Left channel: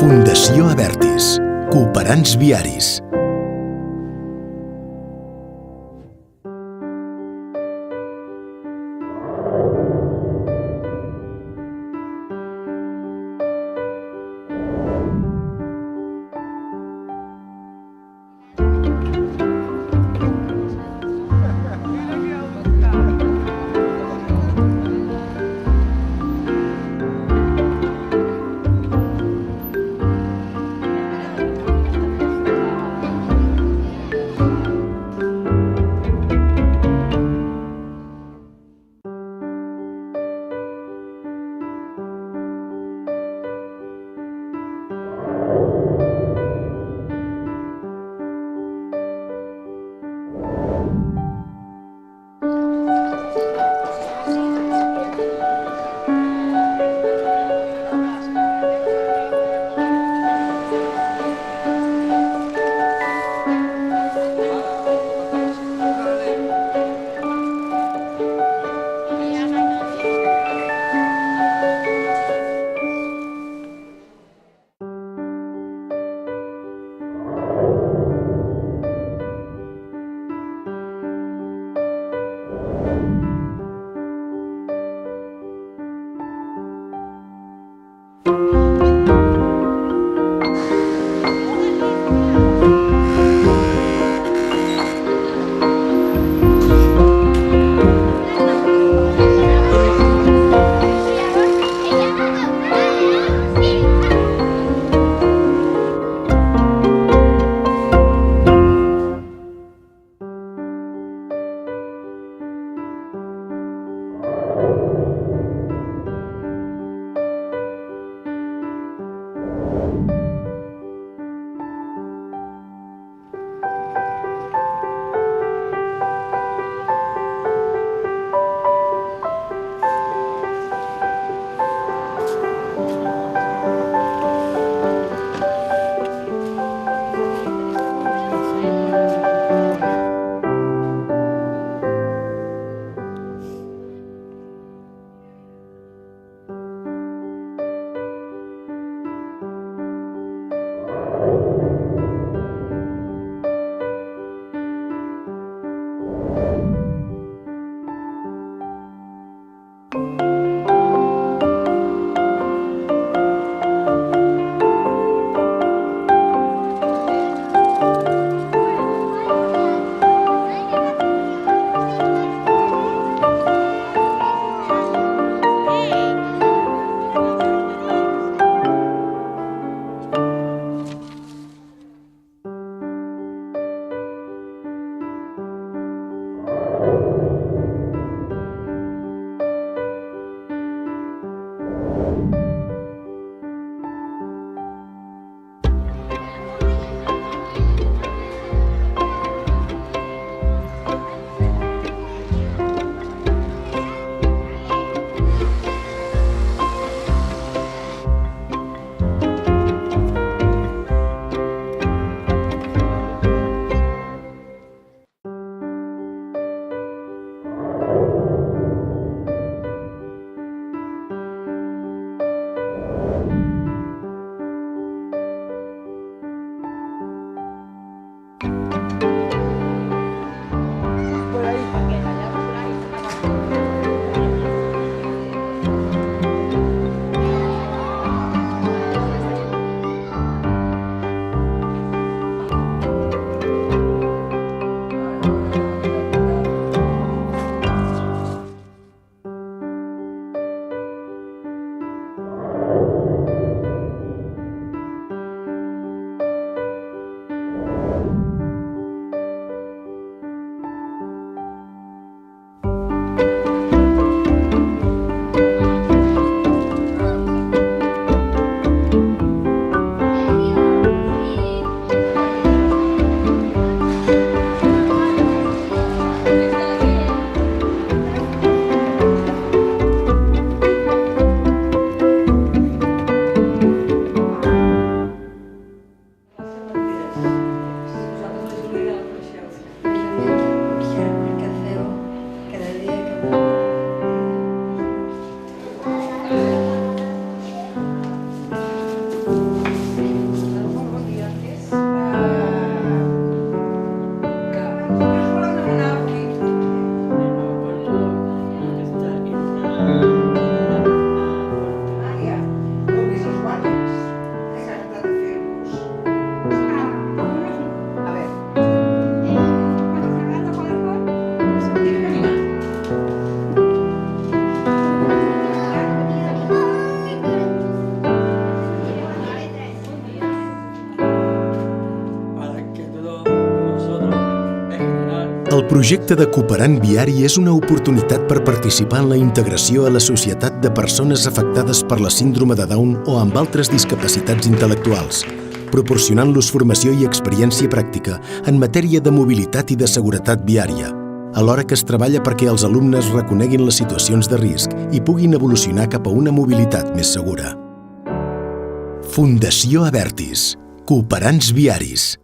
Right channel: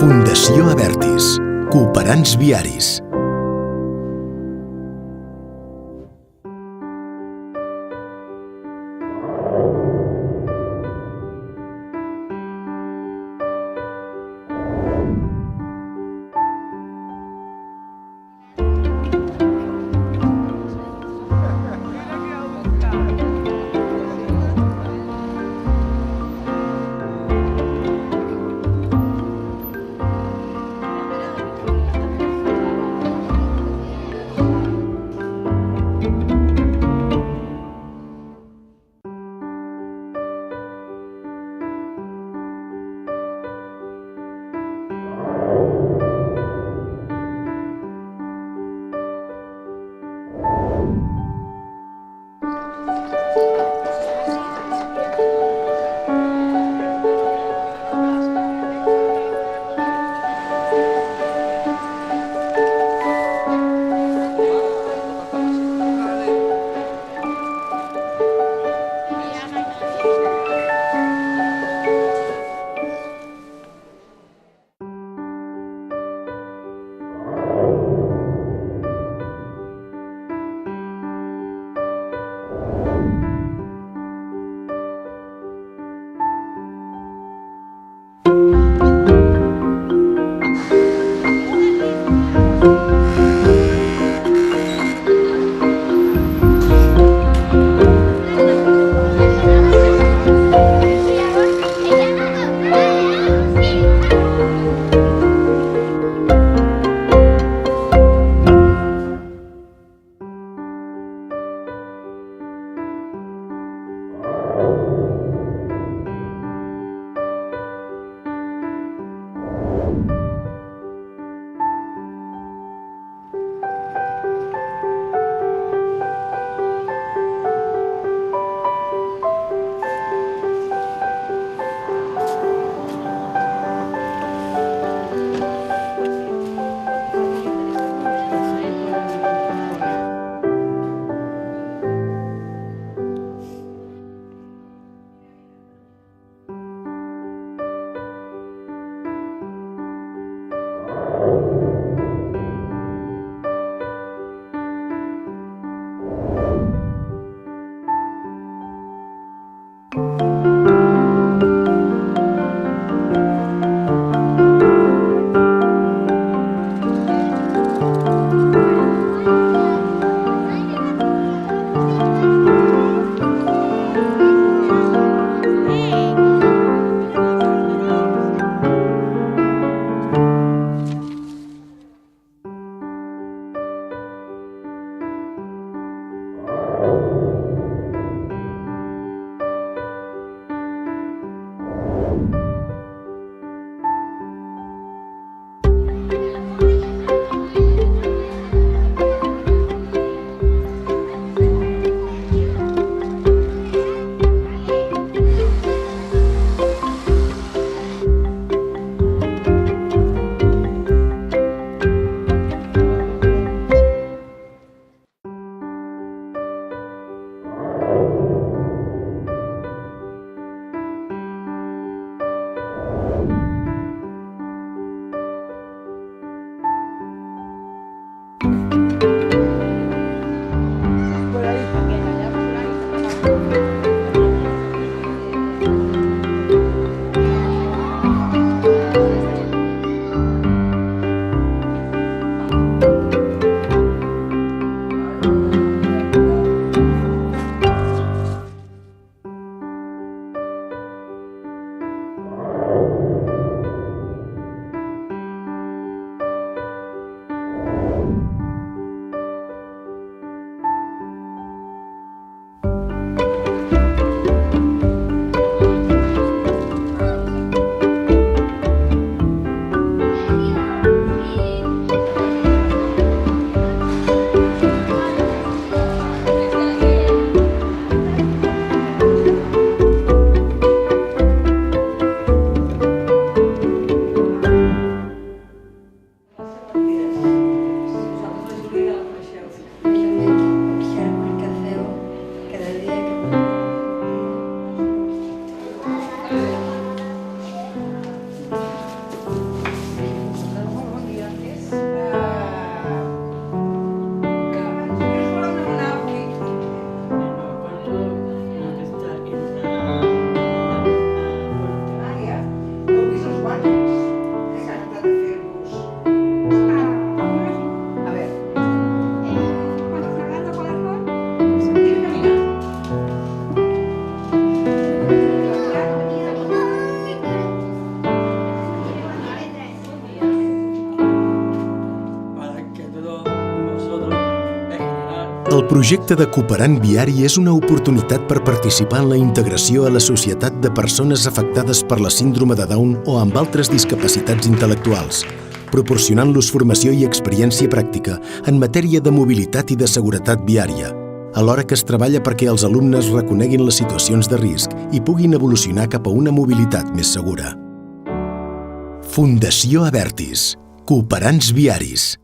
Fundació Abertis. Cooperants viaris. projecte de Cooperant Viari és una oportunitat per participar en la integració a la societat de persones afectades per la síndrome de Down o amb altres discapacitats intel·lectuals, proporcionant-los formació i experiència pràctica en matèria de mobilitat i de seguretat viària, alhora que es treballa perquè els alumnes reconeguin les situacions de risc i puguin evolucionar cap a una mobilitat més segura. Fundació Abertis. Cooperants Viaris.